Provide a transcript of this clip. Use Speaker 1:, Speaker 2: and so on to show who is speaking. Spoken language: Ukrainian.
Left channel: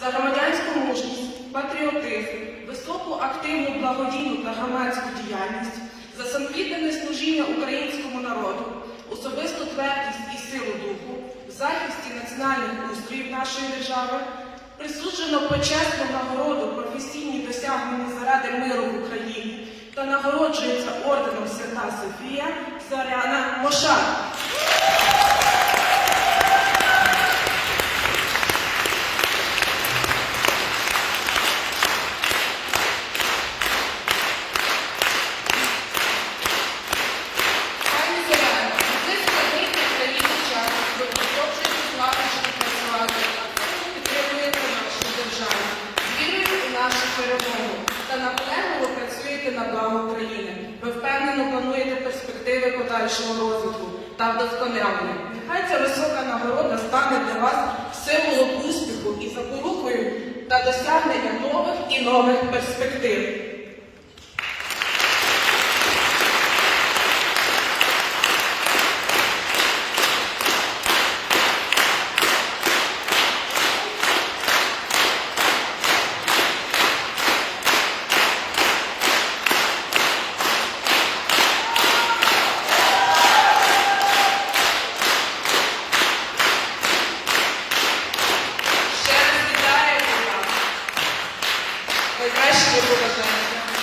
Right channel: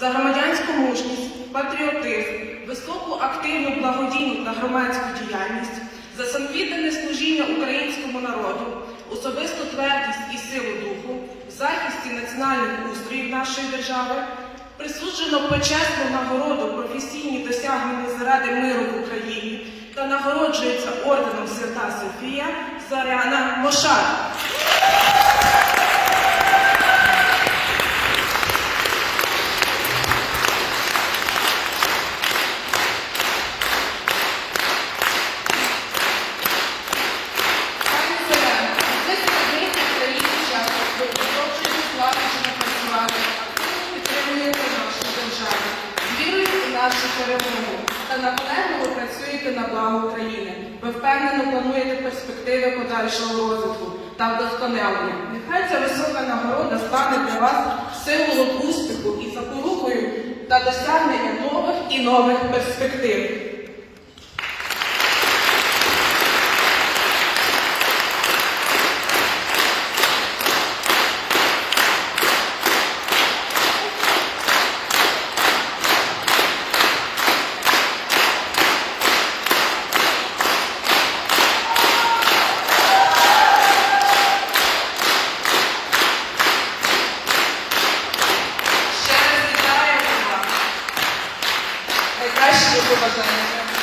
Speaker 1: за громадянську мужність, патріотизм, високу активну благодійну та громадську діяльність, за самовіддане служіння українському народу, особисту твердість і силу духу, в захисті національних устроїв нашої держави, присуджено почесну нагороду професійні досягнення заради миру в Україні та нагороджується орденом Свята Софія Заряна Мошар.
Speaker 2: Нашу перемогу та наполегливо працюєте на благо України. Ви впевнено плануєте перспективи подальшого розвитку та вдосконалення. Нехай ця висока нагорода стане для вас символом успіху і запорукою та досягнення нових і нових перспектив. প্রকল্প